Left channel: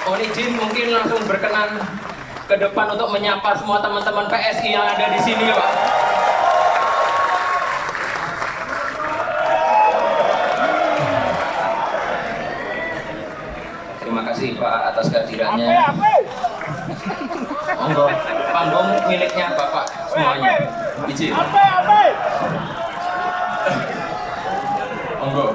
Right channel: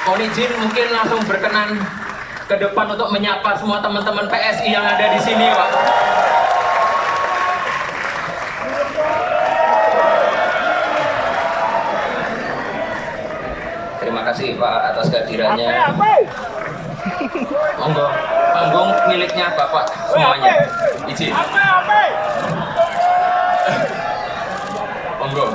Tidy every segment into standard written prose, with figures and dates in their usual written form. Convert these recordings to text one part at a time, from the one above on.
Mohon izin mungkin langsung berkenan ke depan untuk menyapa semua teman-teman PSI yang ada di sini, Pak. Terima kasih Pak atas kehadirannya. Monggo, panggung miliknya Bapak semuanya. Izin. Monggo.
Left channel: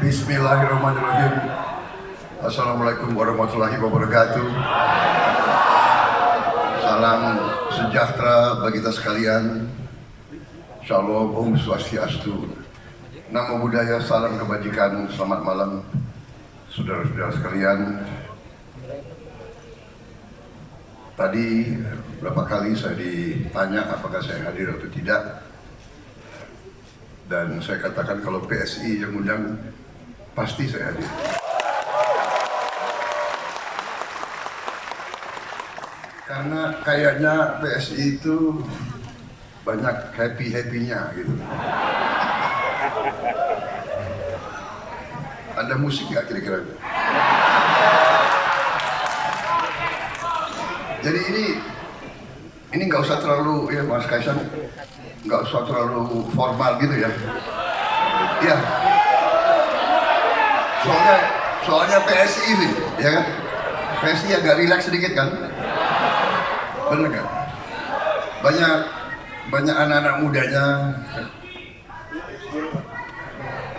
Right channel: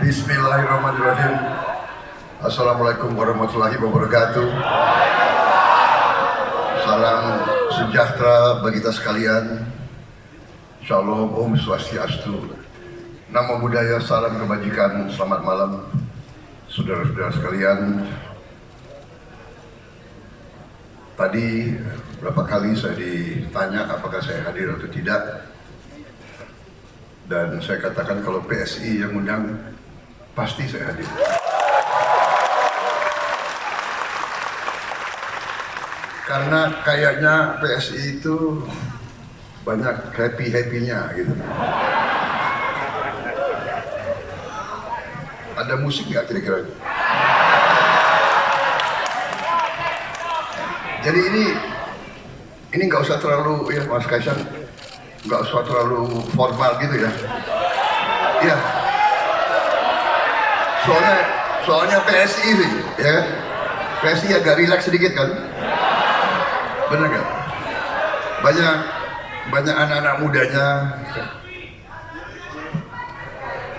Bismillahirrahmanirrahim. Assalamualaikum warahmatullahi wabarakatuh. Salam sejahtera bagi kita sekalian. Shalom, Om Swastiastu. Namo Buddhaya, salam kebajikan. Selamat malam saudara-saudara sekalian. Tadi berapa kali saya ditanya apakah saya hadir atau tidak. Dan saya katakan kalau PSI yang undang, pasti saya hadir. Karena kayaknya PSI itu banyak happy-happy-nya gitu. Ada musik nggak kira-kira? Jadi ini nggak usah terlalu, ya Mas Kaisang, nggak usah terlalu formal gitu ya. Iya. Soalnya PSI sih, ya kan? PSI agak rileks sedikit kan? Bener kan? Banyak anak-anak mudanya.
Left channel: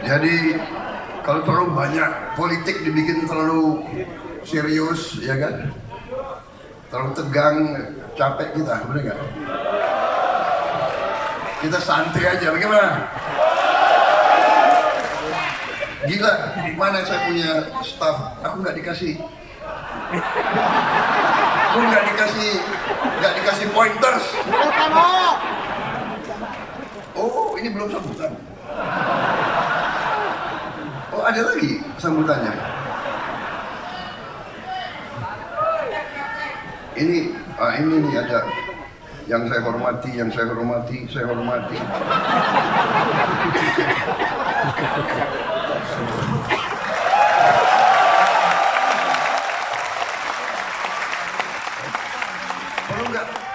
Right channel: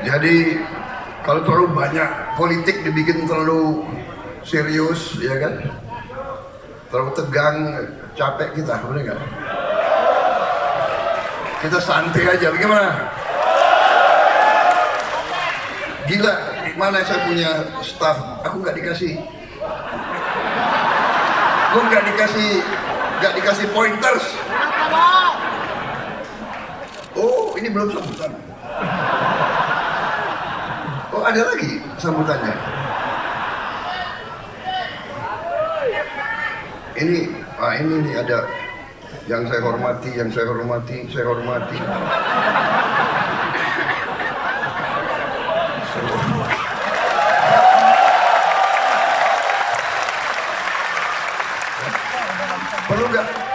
Jadi kalau terlalu banyak politik dibikin terlalu serius, ya kan? Terlalu tegang, capek kita, bener nggak? Kita santai aja, bagaimana? Gila, di mana saya punya staff? Aku nggak dikasih, gue nggak dikasih pointers. Oh, ini belum sambutan. Oh, ada lagi sambutannya. Ini nih ada yang saya hormati.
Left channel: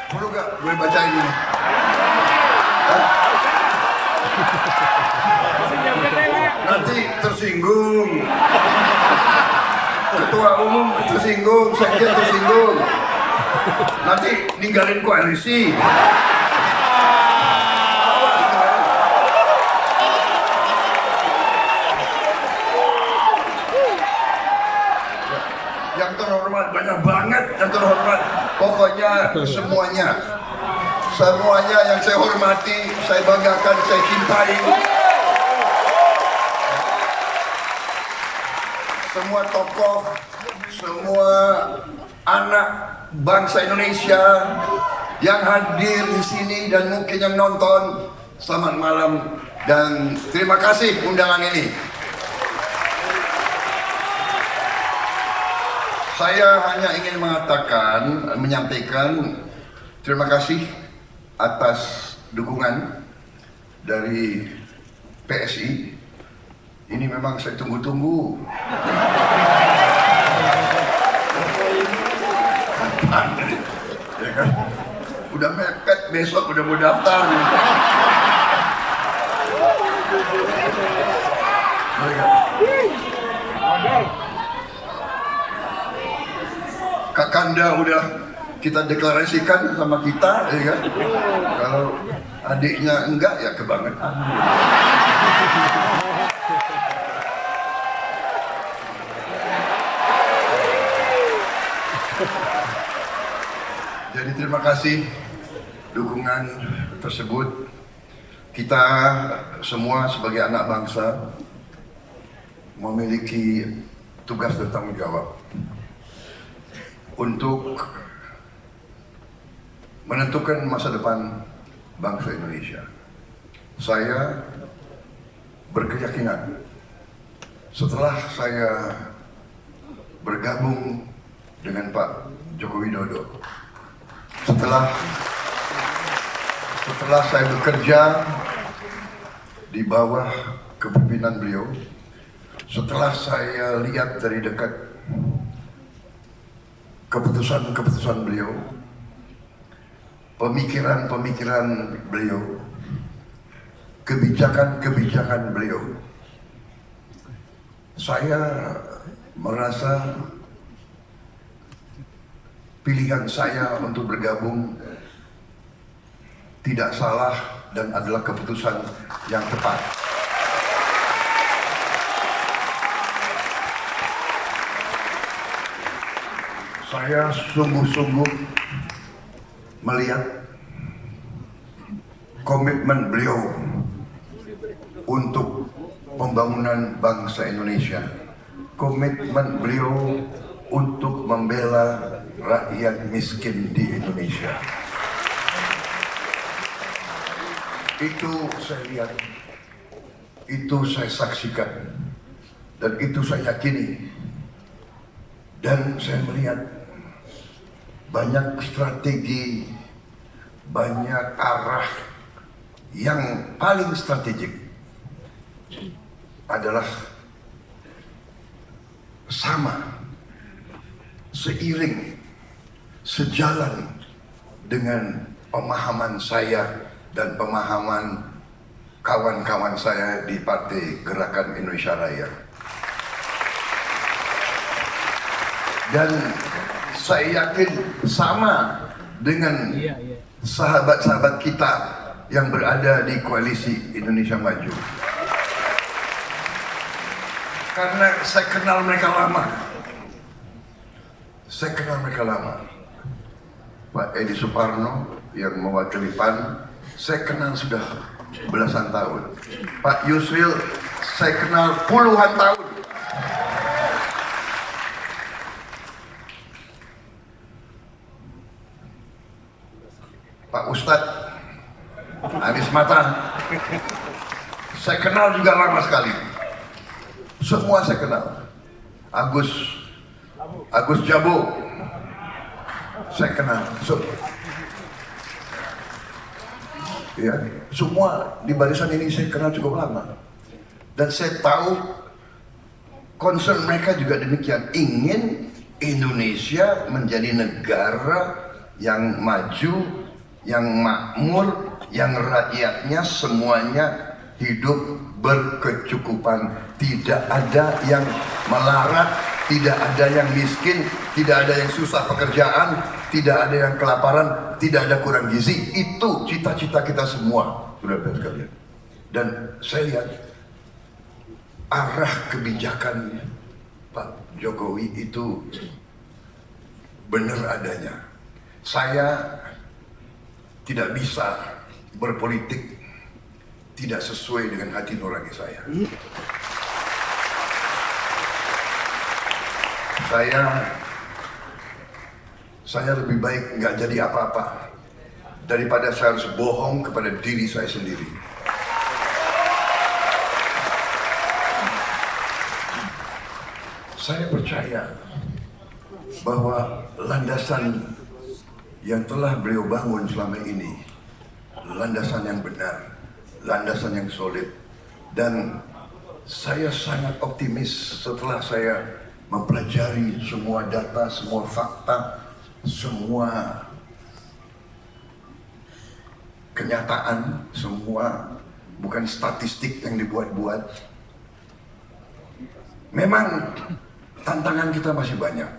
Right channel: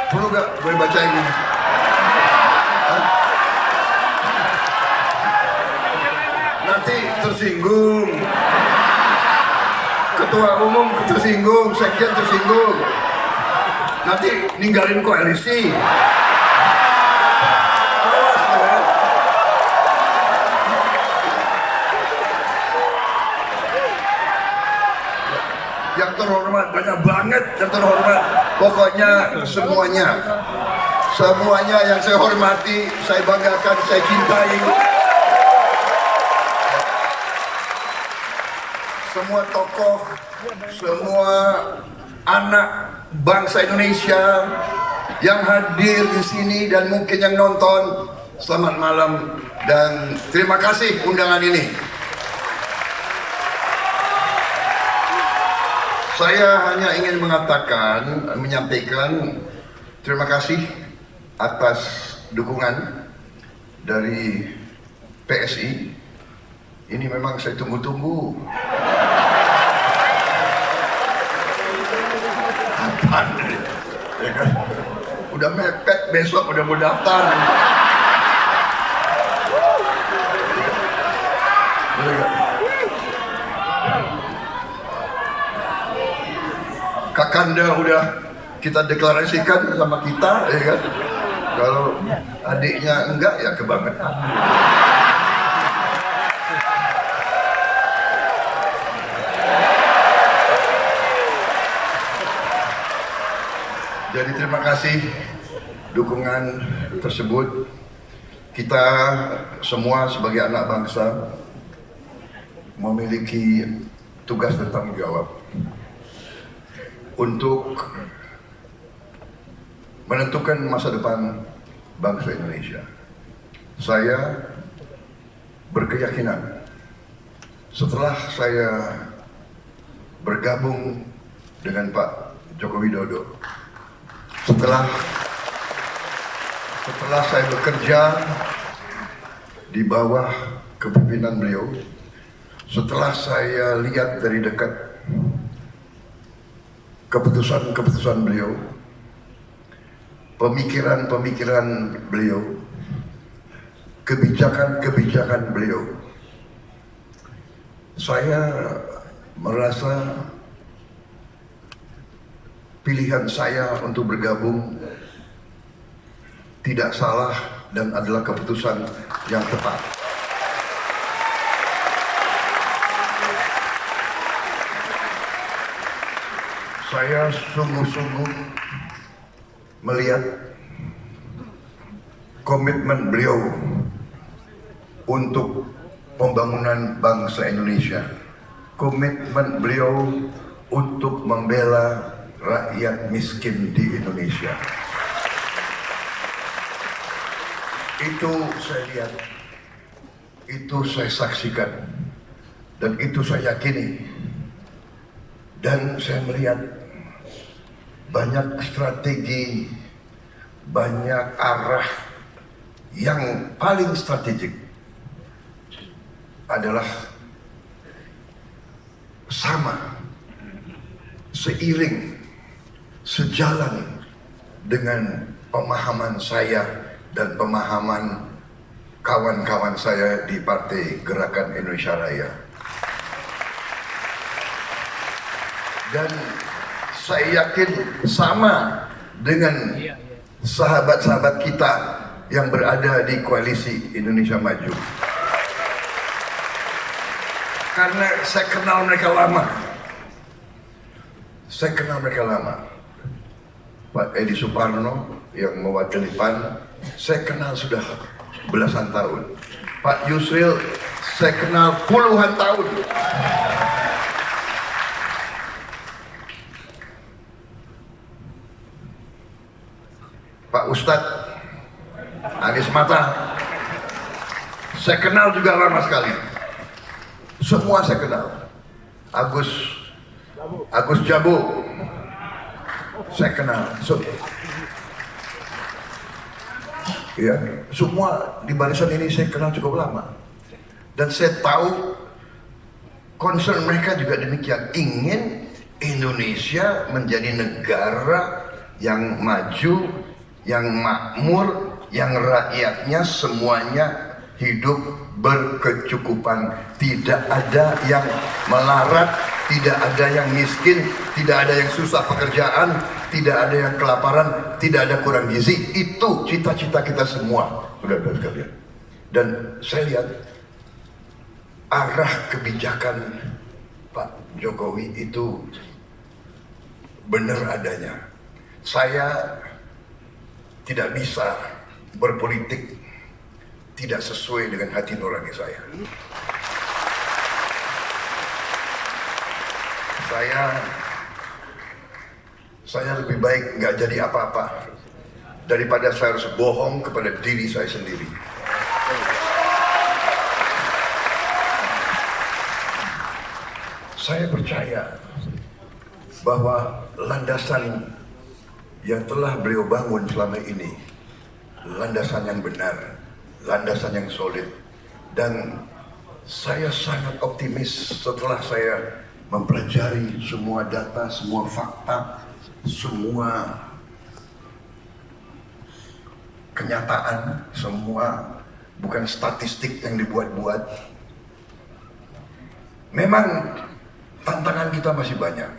Perlu nggak gue bacain ini? Hah? Nanti tersinggung. Ketua umum tersinggung, sekjen tersinggung. Nanti ninggalin koalisi. Yang terhormat, banyak banget yang terhormat. Pokoknya semuanya yang saya hormati, saya banggakan, saya cintai. Semua tokoh, semua anak bangsa Indonesia yang hadir di sini dan mungkin yang nonton, selamat malam dan terima kasih undangan ini. Saya hanya ingin menyampaikan terima kasih atas dukungan dari PSI. Ini memang saya tunggu-tunggu. Kapan ini? Ya kan? Udah mepet, besok udah mau daftar. Kakanda udah kita deklarasikan sama kita, ya kan? Kalau adiknya enggak, ya kebangetan. Jadi terima kasih dukungan tersebut. Kita semua sebagai anak bangsa memiliki tugas dan tanggung jawab untuk menentukan masa depan bangsa Indonesia. saya berkeyakinan setelah saya bergabung dengan Pak Joko Widodo, setelah saya bekerja di bawah kepemimpinan beliau, setelah saya lihat dari dekat keputusan-keputusan beliau, pemikiran-pemikiran beliau, kebijakan-kebijakan beliau, saya merasa pilihan saya untuk bergabung tidak salah dan adalah keputusan yang tepat. Saya sungguh-sungguh melihat komitmen beliau untuk pembangunan bangsa Indonesia, komitmen beliau untuk membela rakyat miskin di Indonesia. Itu saya lihat, itu saya saksikan, dan itu saya yakini. Dan saya melihat banyak strategi, banyak arah yang paling strategik adalah sama, seiring, sejalan dengan pemahaman saya dan pemahaman kawan-kawan saya di Partai Gerakan Indonesia Raya. Dan saya yakin sama dengan sahabat-sahabat kita yang berada di Koalisi Indonesia Maju. Karena saya kenal mereka lama. Pak Edi Suparno yang mewakili PAN, saya kenal sudah belasan tahun. Pak Yusril, saya kenal puluhan tahun. Pak Ustadz Anies Mata, saya kenal juga lama sekali. Semua saya kenal. Agus Jabo, saya kenal. Ya, semua di barisan ini saya kenal cukup lama. Dan saya tahu concern mereka juga demikian. Ingin Indonesia menjadi negara yang maju, yang makmur, yang rakyatnya semuanya hidup berkecukupan. Tidak ada yang melarat, tidak ada yang miskin, tidak ada yang susah pekerjaan, tidak ada yang kelaparan, tidak ada kurang gizi. Itu cita-cita kita semua, saudara-saudara sekalian. Dan saya lihat arah kebijakan Pak Jokowi itu benar adanya. Saya tidak bisa berpolitik tidak sesuai dengan hati nurani saya. Saya lebih baik nggak jadi apa-apa daripada saya harus bohong kepada diri saya sendiri. Saya percaya bahwa landasan yang telah beliau bangun selama ini, landasan yang benar, landasan yang solid. Dan saya sangat optimis setelah saya mempelajari semua data, semua fakta, semua kenyataan, semua bukan statistik yang dibuat-buat. Memang tantangan kita masih banyak,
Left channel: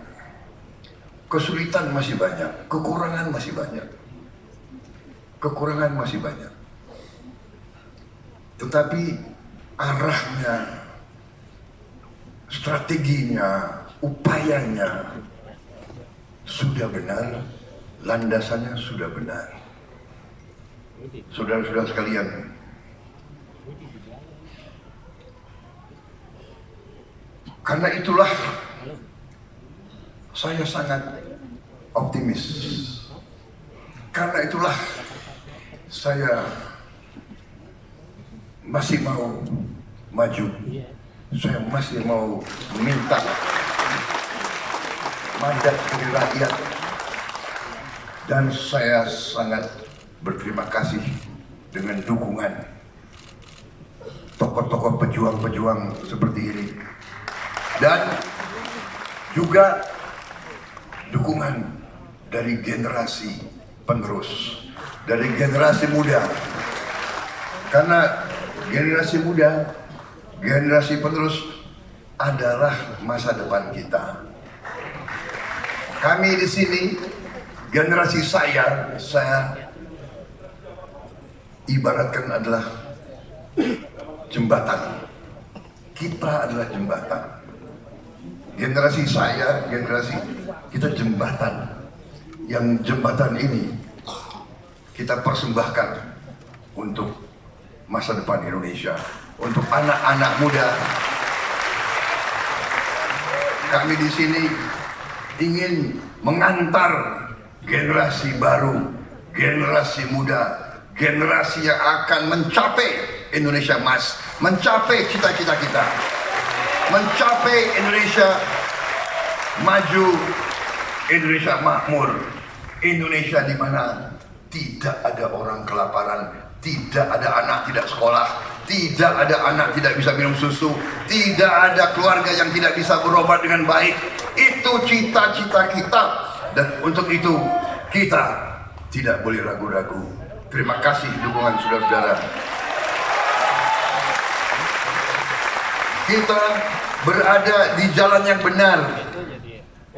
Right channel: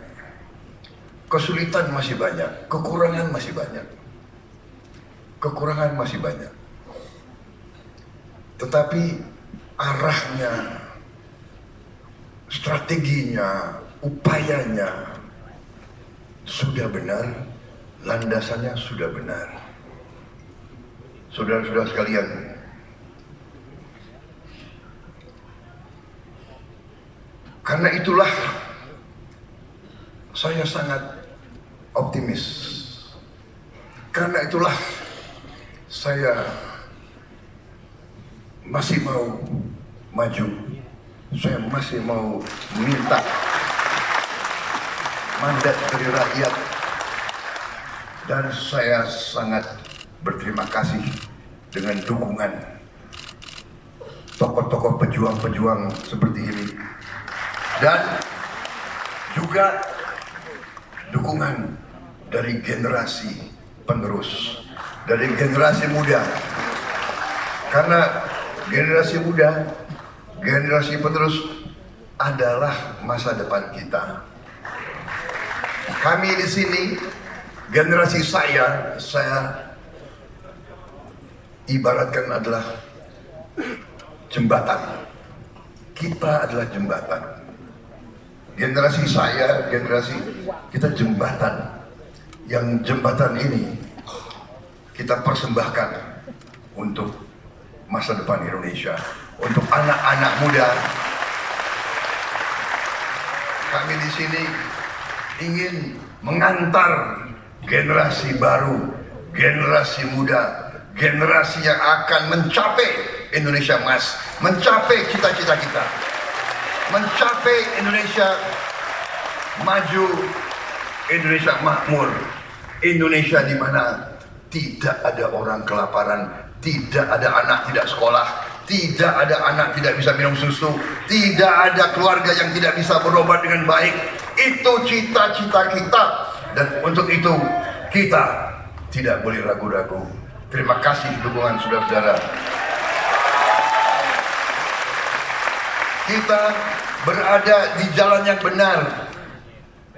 kesulitan masih banyak, kekurangan masih banyak. Tetapi arahnya, strateginya, upayanya sudah benar, landasannya sudah benar. Saudara-saudara sekalian, karena itulah saya sangat optimis. Karena itulah saya masih mau maju. Saya masih mau minta mandat dari rakyat. Dan saya sangat berterima kasih dengan dukungan tokoh-tokoh pejuang-pejuang seperti ini. Dan juga dukungan dari generasi penerus, dari generasi muda. Karena generasi muda, generasi penerus adalah masa depan kita. Kami di sini, generasi saya ibaratkan adalah jembatan. Kita adalah jembatan. Generasi saya, generasi kita jembatan. Yang jembatan ini kita persembahkan untuk masa depan Indonesia, untuk anak-anak muda. Kami di sini ingin mengantar generasi baru, generasi muda, generasi yang akan mencapai Indonesia Emas, mencapai cita-cita kita, mencapai Indonesia maju, Indonesia makmur, Indonesia di mana tidak ada orang kelaparan, tidak ada anak tidak sekolah, tidak ada anak tidak bisa minum susu, tidak ada keluarga yang tidak bisa berobat dengan baik. Itu cita-cita kita, dan untuk itu kita tidak boleh ragu-ragu. Terima kasih dukungan saudara-saudara. Kita berada di jalan yang benar.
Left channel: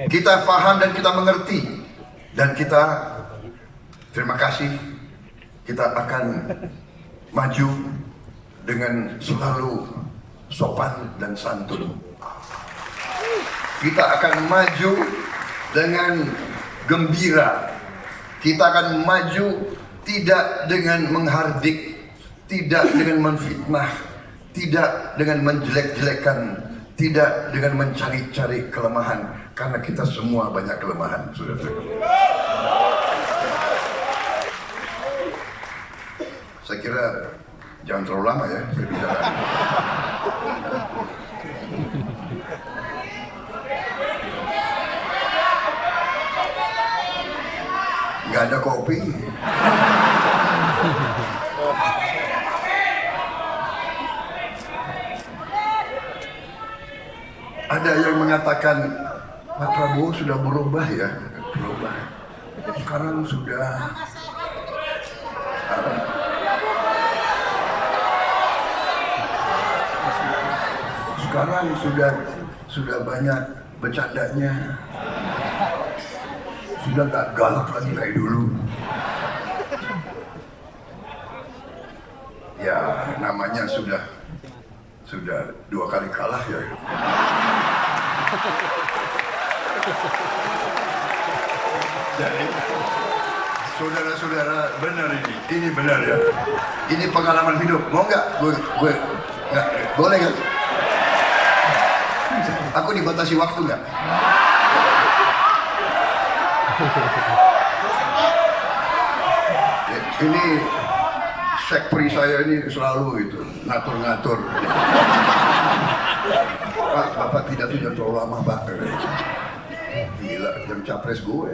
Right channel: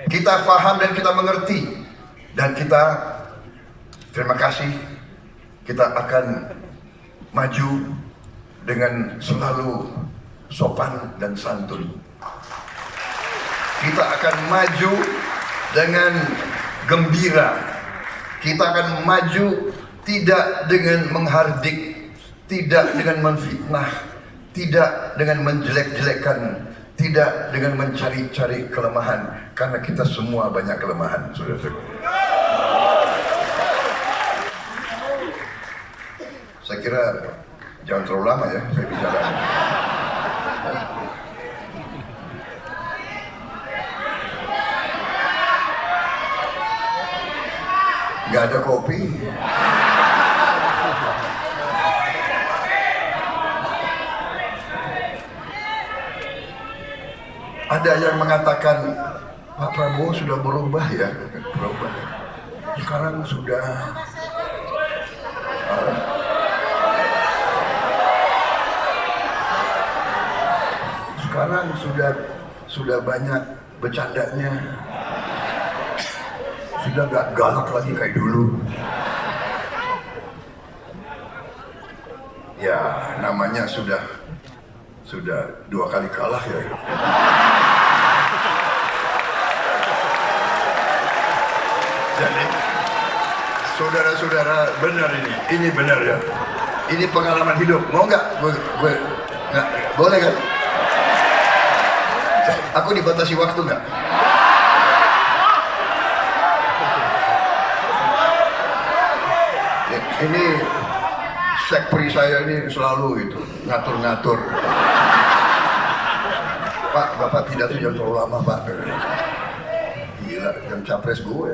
Kita paham dan kita mengerti. Dan kita, terima kasih, kita akan maju dengan selalu sopan dan santun. Kita akan maju dengan gembira. Kita akan maju tidak dengan menghardik, tidak dengan menfitnah, tidak dengan menjelek-jelekan, tidak dengan mencari-cari kelemahan, karena kita semua banyak kelemahan, saudara-saudara. Saya kira jangan terlalu lama ya saya bicara. Nggak ada kopi. Ada yang mengatakan Pak Prabowo sudah berubah ya, berubah. Sekarang sudah sudah banyak bercandanya, sudah nggak galak lagi kayak dulu. Ya namanya sudah 2 kali kalah ya. Jadi saudara-saudara, benar ini benar ya. Ini pengalaman hidup. Mau nggak? Gue nggak boleh kan? Aku dibatasi waktu nggak? Ini sekpri saya ini selalu itu ngatur-ngatur. Pak, Bapak pidato jangan terlalu lama Pak. Gila, yang capres gue.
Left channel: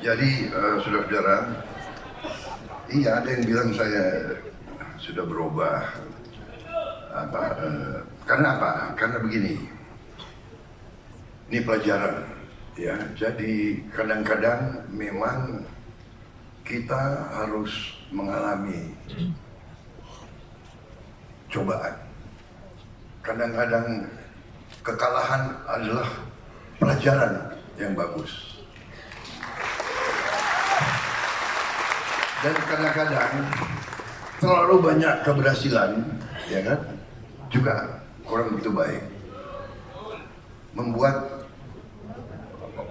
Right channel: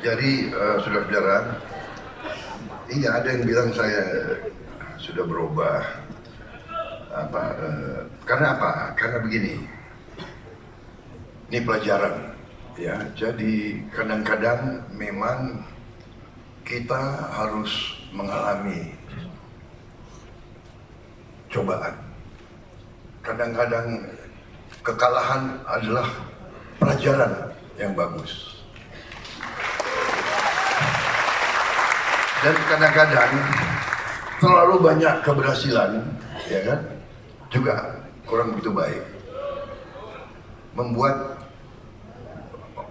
Jadi saudara-saudara, iya ada yang bilang saya sudah berubah. Karena apa? Karena begini. Ini pelajaran, ya. Jadi kadang-kadang memang kita harus mengalami cobaan. Kadang-kadang kekalahan adalah pelajaran yang bagus. Dan kadang-kadang terlalu banyak keberhasilan, ya kan, juga kurang begitu baik, membuat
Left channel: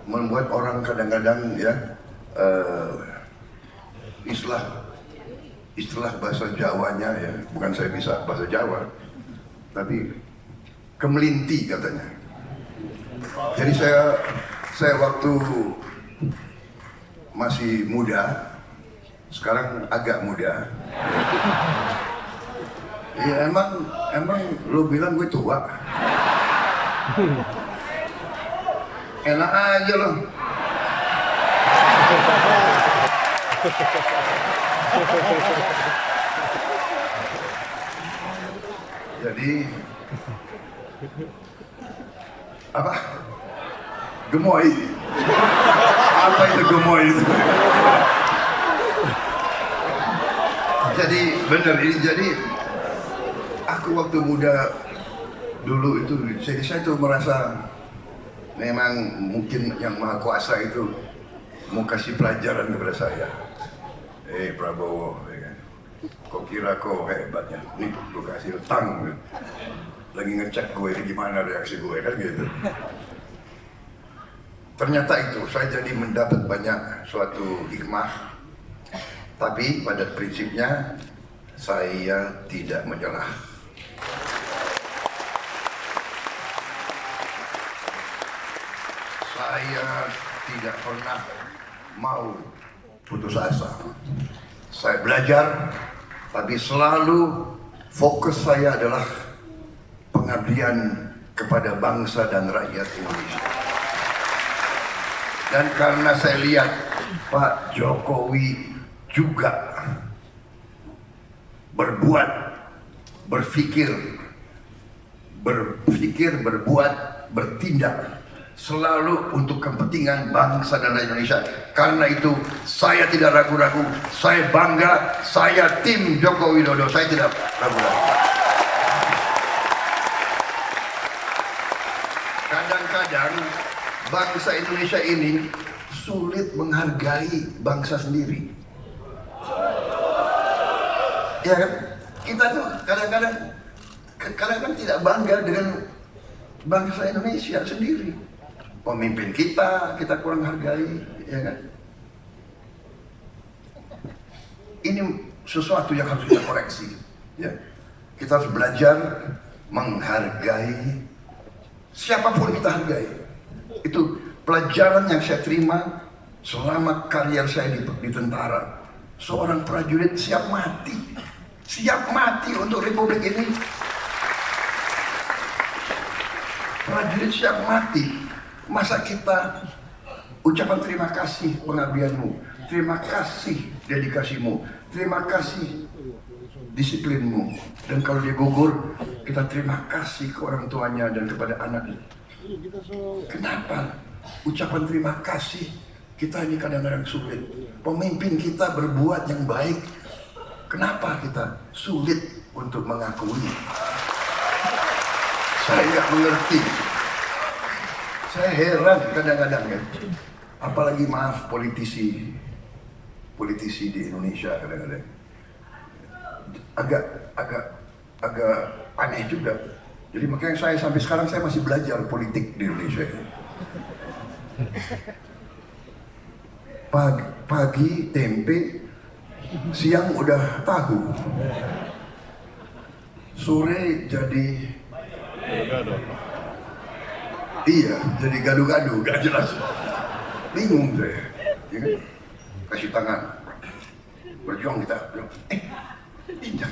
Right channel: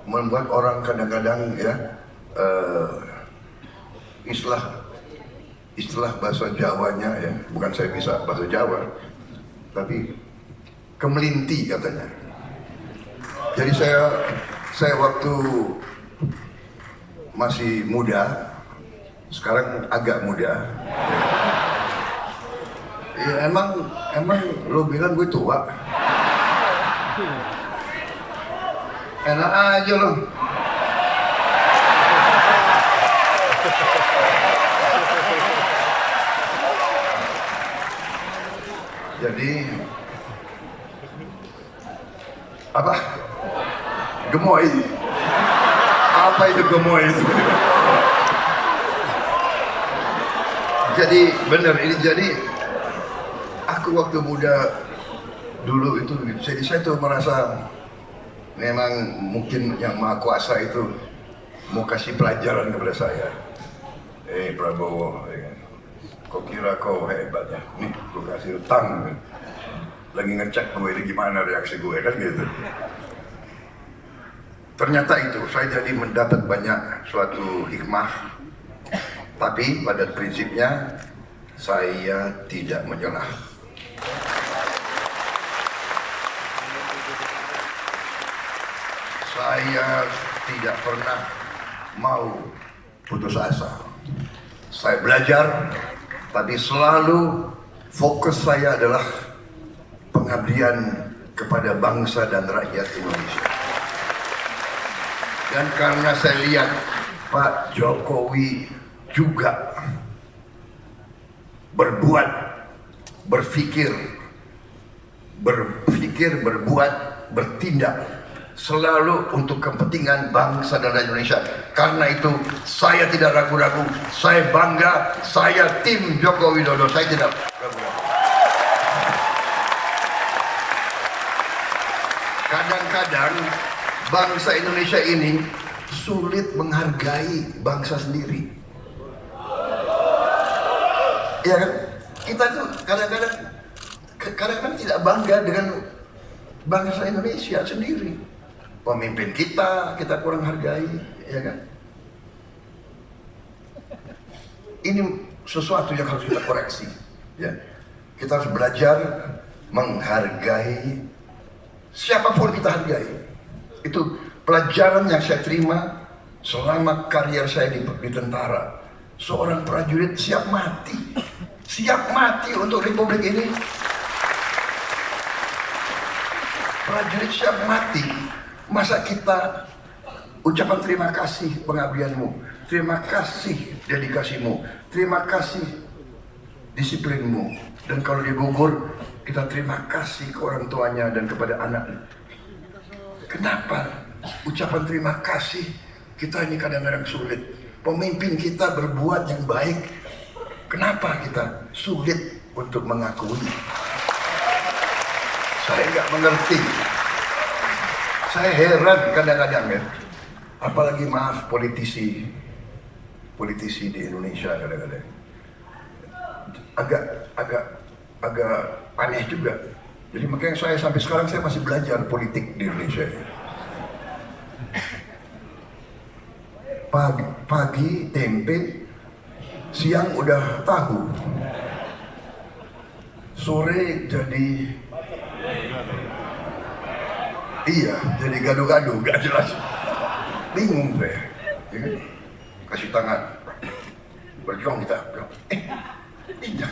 membuat orang kadang-kadang ya istilah bahasa Jawanya ya, bukan saya bisa bahasa Jawa, tapi kemelinti katanya. Jadi saya waktu masih muda, sekarang agak muda. Ya emang lo bilang gue tua. Enak aja lo. Jadi apa? Gemoy. Apa itu gemoy itu? Jadi bener ini, jadi aku waktu muda dulu itu, jadi saya tuh merasa memang mungkin yang Maha Kuasa itu mau kasih pelajaran kepada saya. Prabowo, ya kan? Kau kira kau hebat ya? Nih, gue kasih utang. Lagi ngecek gue ini gimana reaksi gue kan gitu. Ternyata itu saya jadi mendapat banyak suatu hikmah. Tapi pada prinsipnya saya tidak menyerah. Saya tidak pernah mau putus asa. Saya belajar, tapi selalu fokus saya adalah pengabdian kepada bangsa dan rakyat Indonesia. Dan karena saya lihat Pak Jokowi juga berbuat, berpikir, berbuat, bertindak selalu untuk kepentingan bangsa dan rakyat Indonesia. Karena itu saya tidak ragu-ragu, saya bangga, saya tim Joko Widodo, saya tidak ragu-ragu. Kadang-kadang bangsa Indonesia ini sulit menghargai bangsa sendiri. Ya kan? Kita tuh kadang-kadang tidak bangga dengan bangsa Indonesia sendiri. Pemimpin kita kurang hargai, ya kan? Ini sesuatu yang harus kita koreksi, ya. Kita harus belajar menghargai siapapun kita hargai. Itu pelajaran yang saya terima selama karier saya di tentara. Seorang prajurit siap mati untuk republik ini. Prajurit siap mati. Masa kita ucapan terima kasih pengabdianmu, terima kasih dedikasimu, terima kasih disiplinmu, dan kalau dia gugur kita terima kasih ke orang tuanya dan kepada anaknya. Kenapa ucapan terima kasih kita ini kadang-kadang sulit? Pemimpin kita berbuat yang baik, kenapa kita sulit untuk mengakui? Saya nggak mengerti. Saya heran kadang-kadang ya. Apalagi maaf politisi di Indonesia kadang-kadang agak aneh juga. Jadi makanya saya sampai sekarang saya masih belajar politik di Indonesia. Pagi tempe, siang udah tahu, sore jadi jadi gaduh-gaduh, gak jelas, bingung saya, ya kan? Kasih tangan, berjuang kita, bilang, pinjam.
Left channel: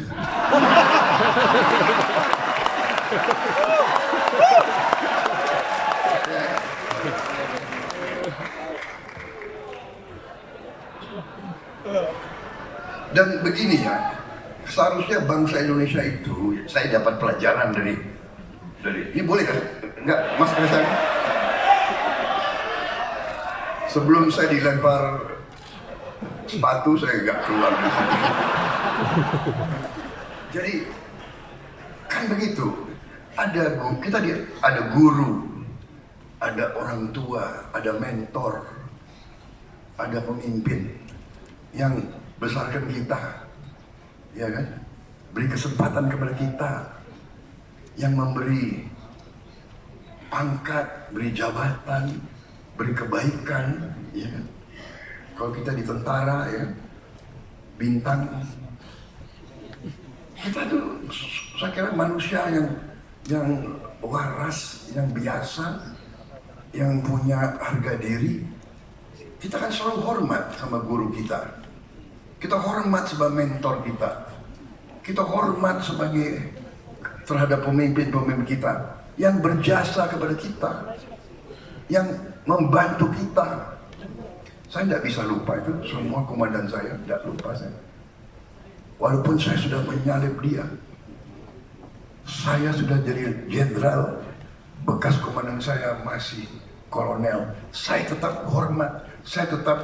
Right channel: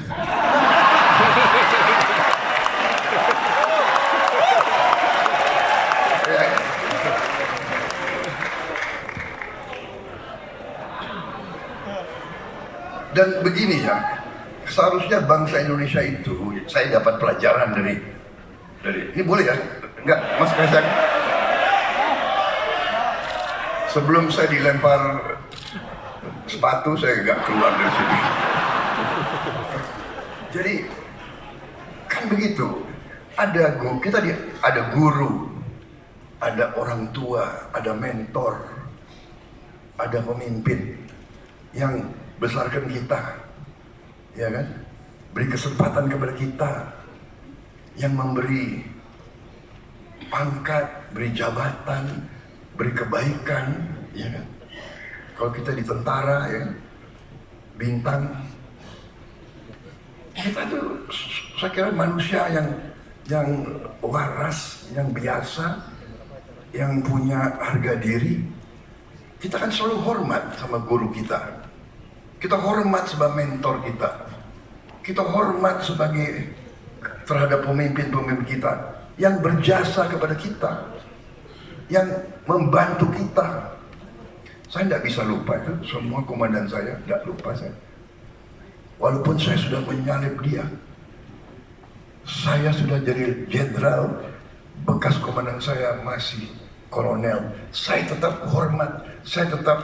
Dan begini ya, seharusnya bangsa Indonesia itu, saya dapat pelajaran dari ini boleh kan? Enggak, Mas Kaisang. Sebelum saya dilempar sepatu, saya nggak keluar dari sini. Jadi kan begitu. Ada guru, ada orang tua, ada mentor, ada pemimpin yang besarkan kita, ya kan? Beri kesempatan kepada kita, yang memberi pangkat, beri jabatan, beri kebaikan, ya kan? Kalau kita di tentara, ya kan? Bintang, kita tuh saya kira manusia yang waras, yang biasa, yang punya harga diri. Kita kan selalu hormat sama guru kita. Kita hormat sebagai mentor kita. Kita hormat sebagai terhadap pemimpin-pemimpin kita yang berjasa kepada kita, yang membantu kita. Saya tidak bisa lupa itu, semua komandan saya, tidak lupa saya. Walaupun saya sudah menyalip dia, saya sudah jadi jenderal, bekas komandan saya masih kolonel. Saya tetap hormat, saya tetap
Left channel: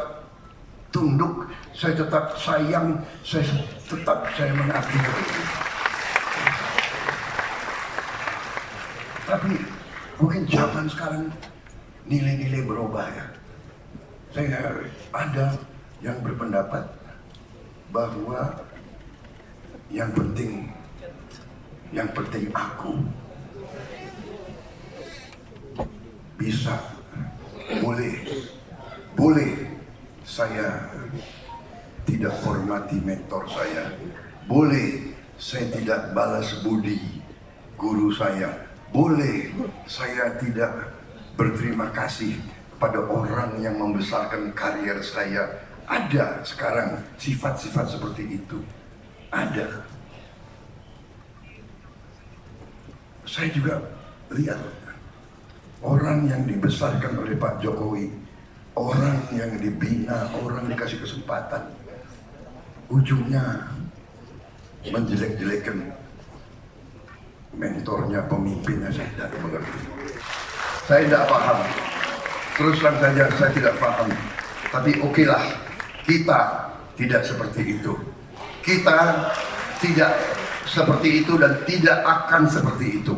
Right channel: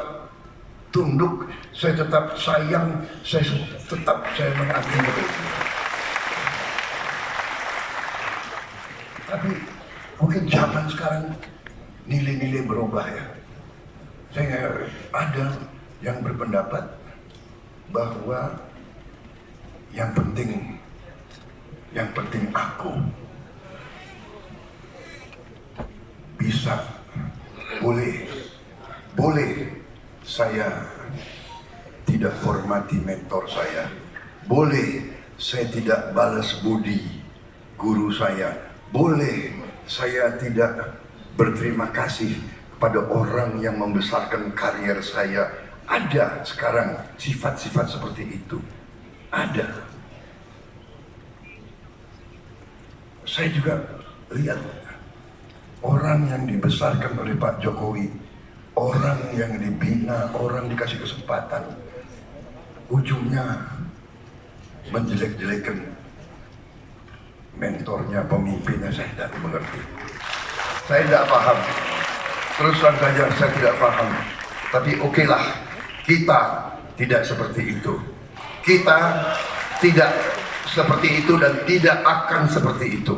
tunduk, saya tetap sayang, saya mengabdi. Tapi mungkin zaman sekarang nilai-nilai berubah ya. Saya ada yang berpendapat bahwa yang penting aku bisa, boleh saya tidak hormati mentor saya, boleh saya tidak balas budi guru saya, boleh saya tidak berterima kasih pada orang yang membesarkan karier saya. Ada sekarang sifat-sifat seperti itu. Ada. Saya juga lihat orang yang dibesarkan oleh Pak Jokowi, orang yang dibina, orang dikasih kesempatan, ujungnya menjelek-jelekan mentornya, pemimpinnya. Saya tidak mengerti. Saya tidak paham. Terus terang saja saya tidak paham. Tapi okelah, kita tidak seperti itu. Kita tidak seperti itu dan tidak akan seperti itu.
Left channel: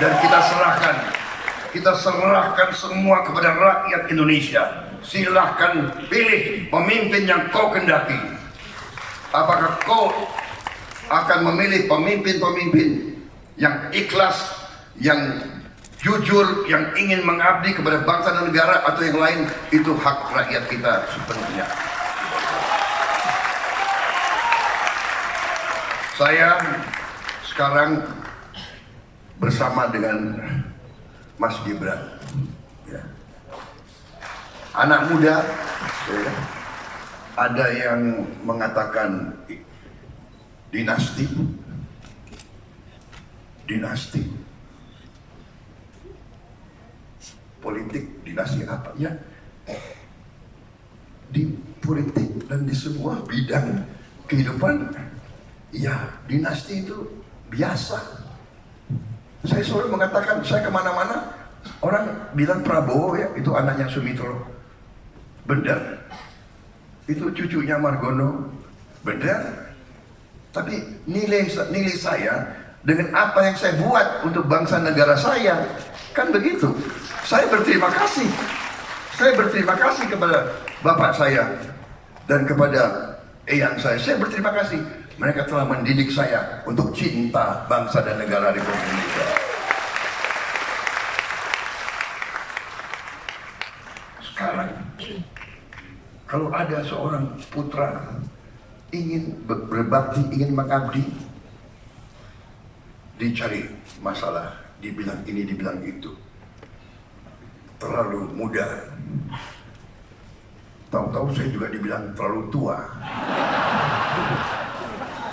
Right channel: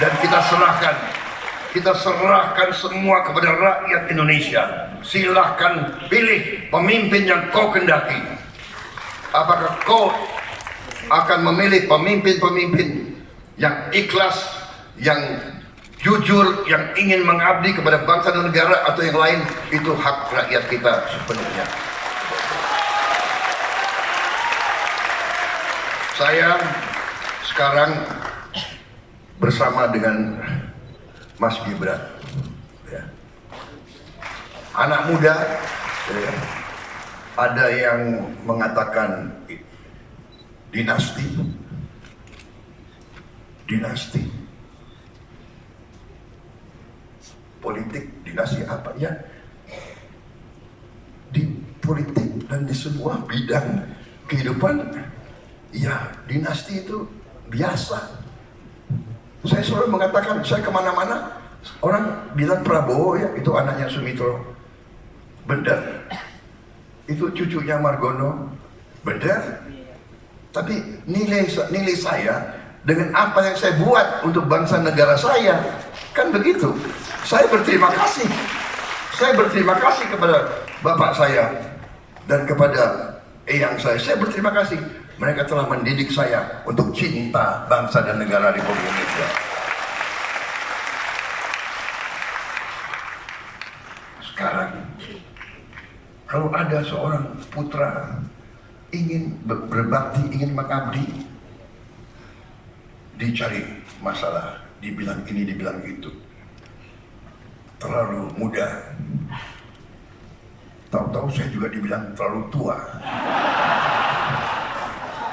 Dan kita serahkan semua kepada rakyat Indonesia. Silahkan pilih pemimpin yang kau kendaki. Apakah kau akan memilih pemimpin-pemimpin yang ikhlas, yang jujur, yang ingin mengabdi kepada bangsa dan negara, atau yang lain? Itu hak rakyat kita sepenuhnya. Saya sekarang bersama dengan Mas Gibran, ya. Anak muda, ya. Ada yang mengatakan dinasti, politik, dinasti apa ya? Di politik dan di semua bidang kehidupan, ya dinasti itu biasa. Saya selalu mengatakan, saya kemana-mana orang bilang Prabowo ya itu anaknya Sumitro, benar. Itu cucunya Margono, benar. Tapi nilai saya dengan apa yang saya buat untuk bangsa negara saya, kan begitu. Saya berterima kasih. Saya berterima kasih kepada bapak saya dan kepada eyang saya. Saya berterima kasih. Mereka telah mendidik saya untuk cinta bangsa dan negara Republik Indonesia. Sekarang, kalau ada seorang putra ingin berbakti, ingin mengabdi, dicari masalah, dibilang ini, dibilang itu. Terlalu muda. Tahu-tahu saya juga dibilang terlalu tua.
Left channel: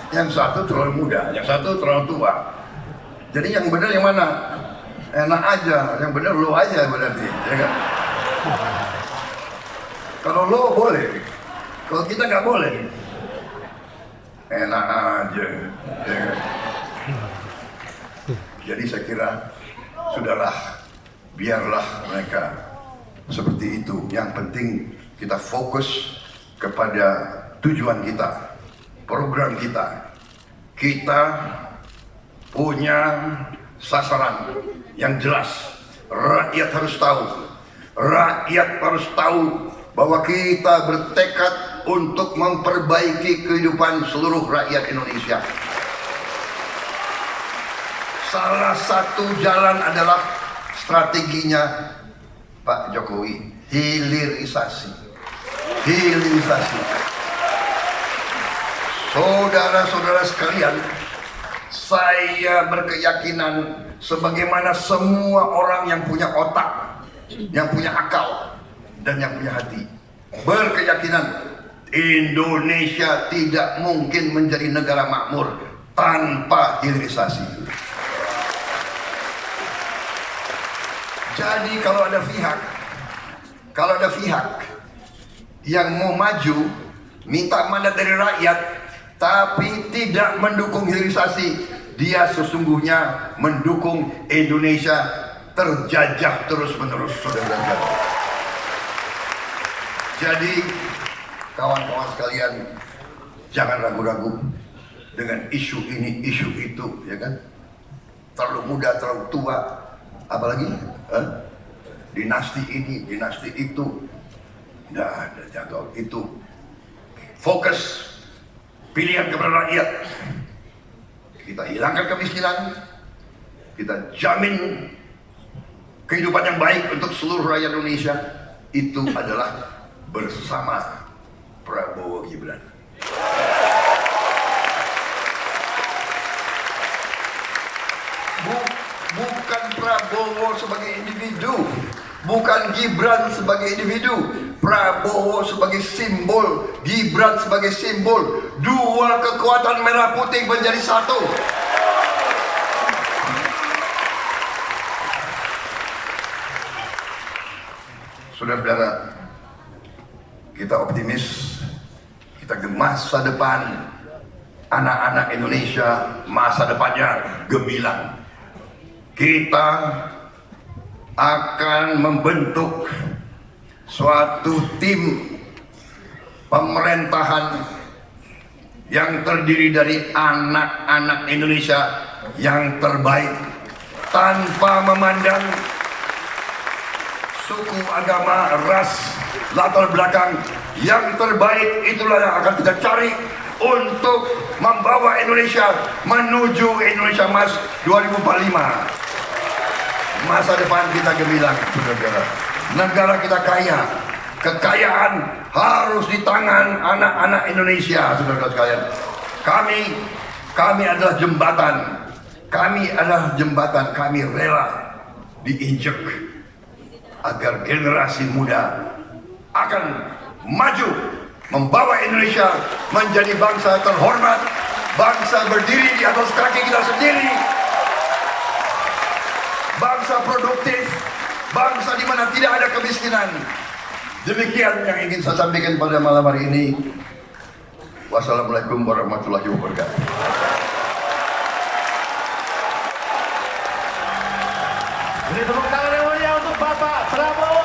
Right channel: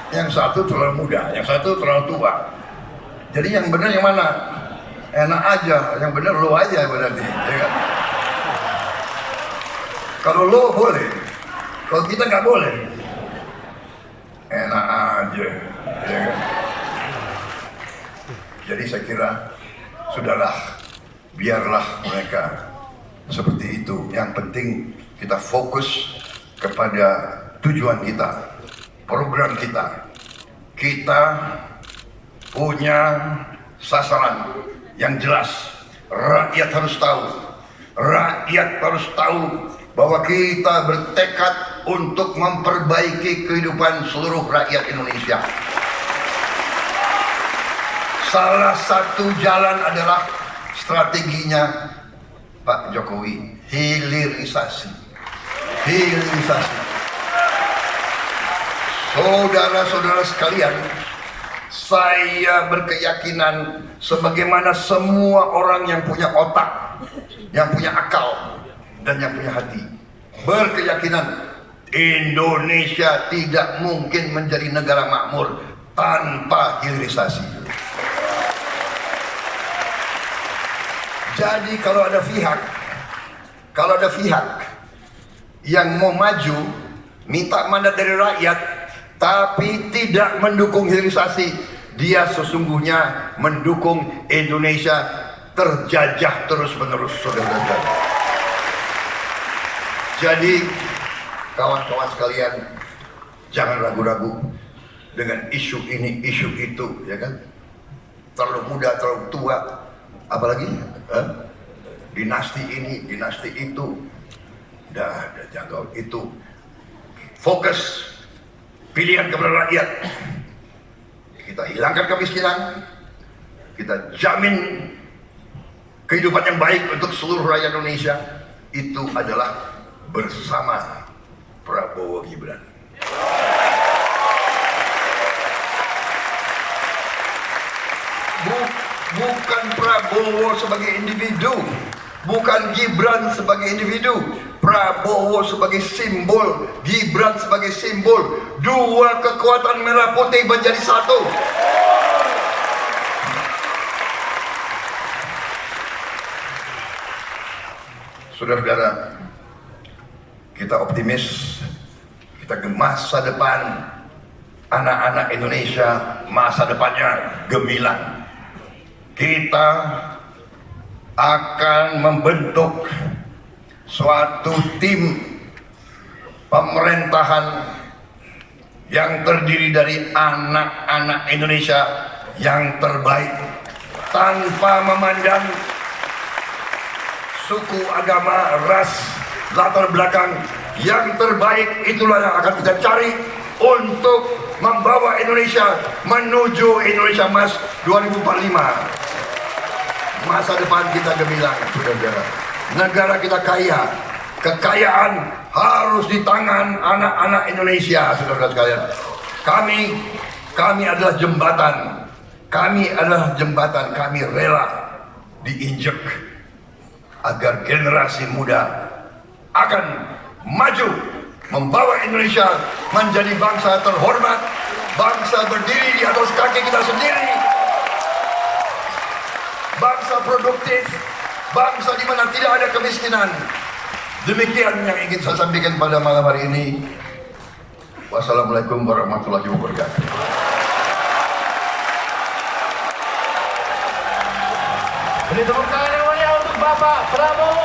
Yang satu terlalu muda, yang satu terlalu tua. Jadi yang benar yang mana? Enak aja, yang benar lo aja berarti, ya kan? Kalau lo boleh, kalau kita nggak boleh. Enak aja, ya kan? Jadi saya kira sudahlah, biarlah mereka seperti itu. Yang penting kita fokus kepada tujuan kita, program kita. Kita punya sasaran yang jelas. Rakyat harus tahu. Rakyat harus tahu bahwa kita bertekad untuk memperbaiki kehidupan seluruh rakyat Indonesia. Salah satu jalan adalah strateginya Pak Jokowi, hilirisasi. Hilirisasi. Saudara-saudara sekalian, saya berkeyakinan sebagaimana semua orang yang punya otak, yang punya akal, dan yang punya hati, berkeyakinan Indonesia tidak mungkin menjadi negara makmur tanpa hilirisasi. Jadi kalau ada pihak yang mau maju, minta mandat dari rakyat, tapi tidak mendukung hilirisasi, dia sesungguhnya mendukung Indonesia terjajah terus-menerus, saudara-saudara. Jadi kawan-kawan sekalian, jangan ragu-ragu dengan isu ini, isu itu, ya kan? Terlalu muda, terlalu tua, apalagi dinasti ini, dinasti itu, dah ada jangkau itu. Fokus pilihan kepada rakyat. Kita hilangkan kemiskinan, kita jamin kehidupan yang baik untuk seluruh rakyat Indonesia. Itu adalah bersama Prabowo Gibran. Bukan Prabowo sebagai individu, bukan Gibran sebagai individu, Prabowo sebagai simbol, Gibran sebagai simbol. Dua kekuatan merah putih menjadi satu. Saudara-saudara, kita optimis, kita ke masa depan anak-anak Indonesia, masa depannya gemilang. Kita akan membentuk suatu tim pemerintahan yang terdiri dari anak-anak Indonesia yang terbaik, tanpa memandang suku, agama, ras, latar belakang. Yang terbaik itulah yang akan kita cari untuk membawa Indonesia menuju Indonesia Emas 2045. Masa depan kita gemilang, saudara-saudara. Negara kita kaya, kekayaan harus di tangan anak-anak Indonesia, saudara-saudara sekalian. Kami adalah jembatan. Kami rela diinjek agar generasi muda akan maju membawa Indonesia menjadi bangsa terhormat, bangsa berdiri di atas kaki kita sendiri, bangsa produktif, bangsa di mana tidak ada kemiskinan. Demikian yang ingin saya sampaikan pada malam hari ini. Wassalamualaikum warahmatullahi wabarakatuh. Beri tepuk tangan yang mulia untuk Bapak Prabowo.